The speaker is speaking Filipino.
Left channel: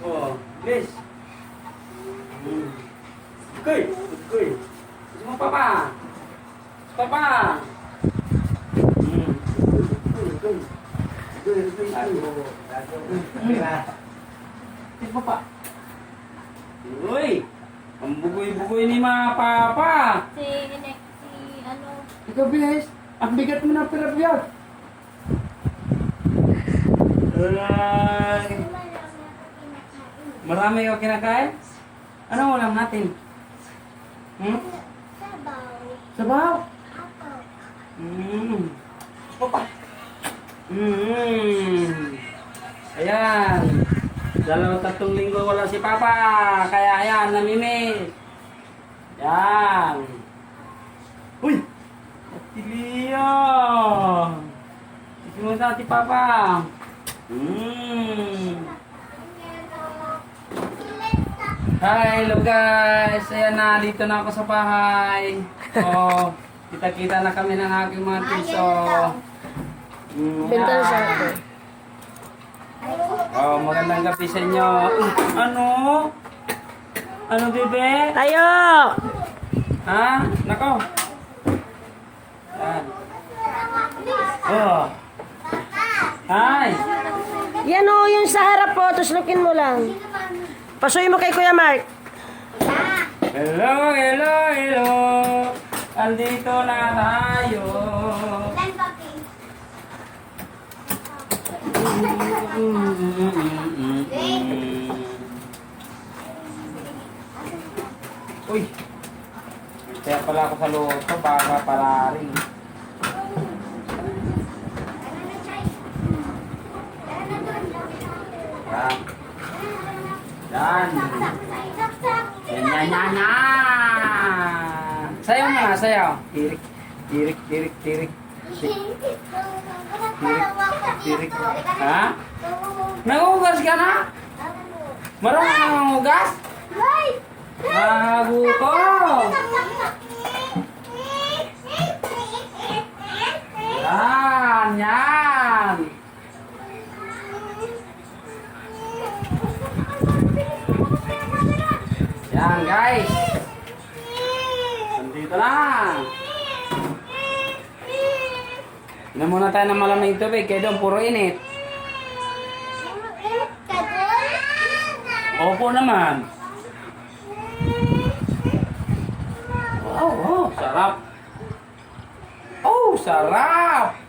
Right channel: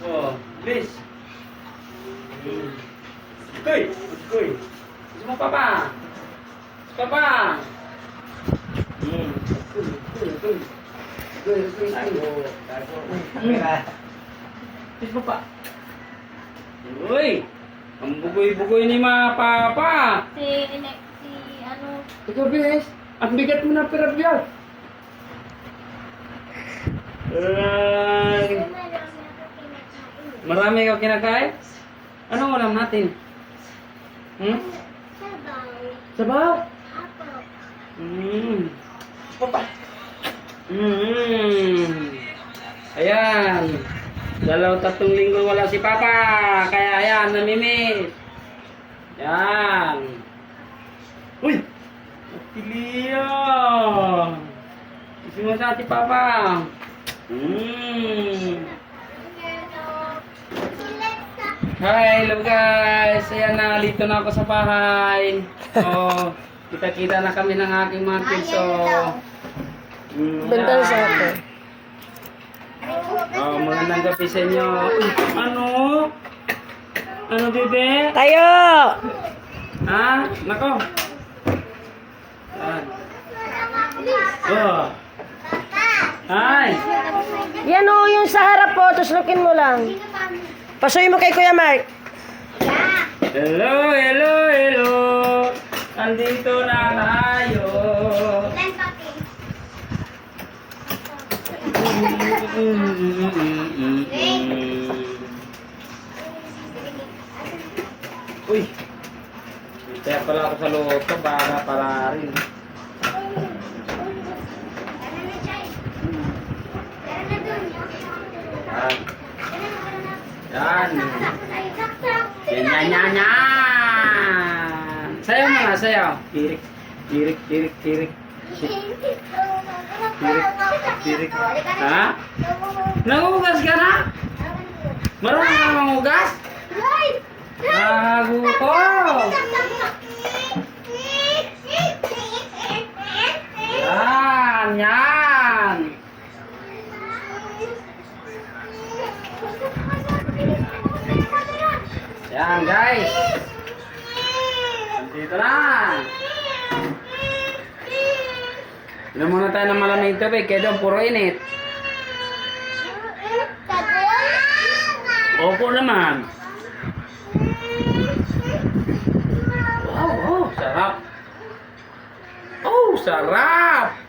Oh, please. Okay, okay. Semua papa. Papa. Please papa. Uy, ang bugoy-bugoy ni mga papa. Si ano, Ikaw, Bilis. Ang bigat mo ng pirabyat. Marami ka kinakain? Ano ulam natin? sabaw, Sabaw? apaw. Papa. Ayan. 2-3 linggo wala si Papa. Kaya ayan, namimiss. Yan. Uy! Piliya! Isi mo sa ati Papa. Hi, hello guys. Ayan na, dito na ako sa bahay. So, kita-kita na kami ng aking mga tiso. Bental sa ako. Oh, magandang gabi sa inyo. Uy, ano? Ano, bebe? Tayo! Ha? Nako. Yan. Oh. Hi. Yan o, yung sa harap po, tuslukin mo lang. Pasuyin mo kay Kuya Mark. Hello, hello, hello. Andito na tayo. Uy. Kaya pala ako sa loto para rin. Yan. Yan, yan, yan, yan. Sayaw na nga, sayaw. Tirik, tirik, tirik, tirik. Tirik. Ha? Nangugas ka na? Marunong ka nangugas? Naguto. Yan, yan. Yan guys. Nandito na. Inom muna tayo ng malamig tubig kaya doon puro init. Opo naman. Wow, wow, sarap. Oh, sarap.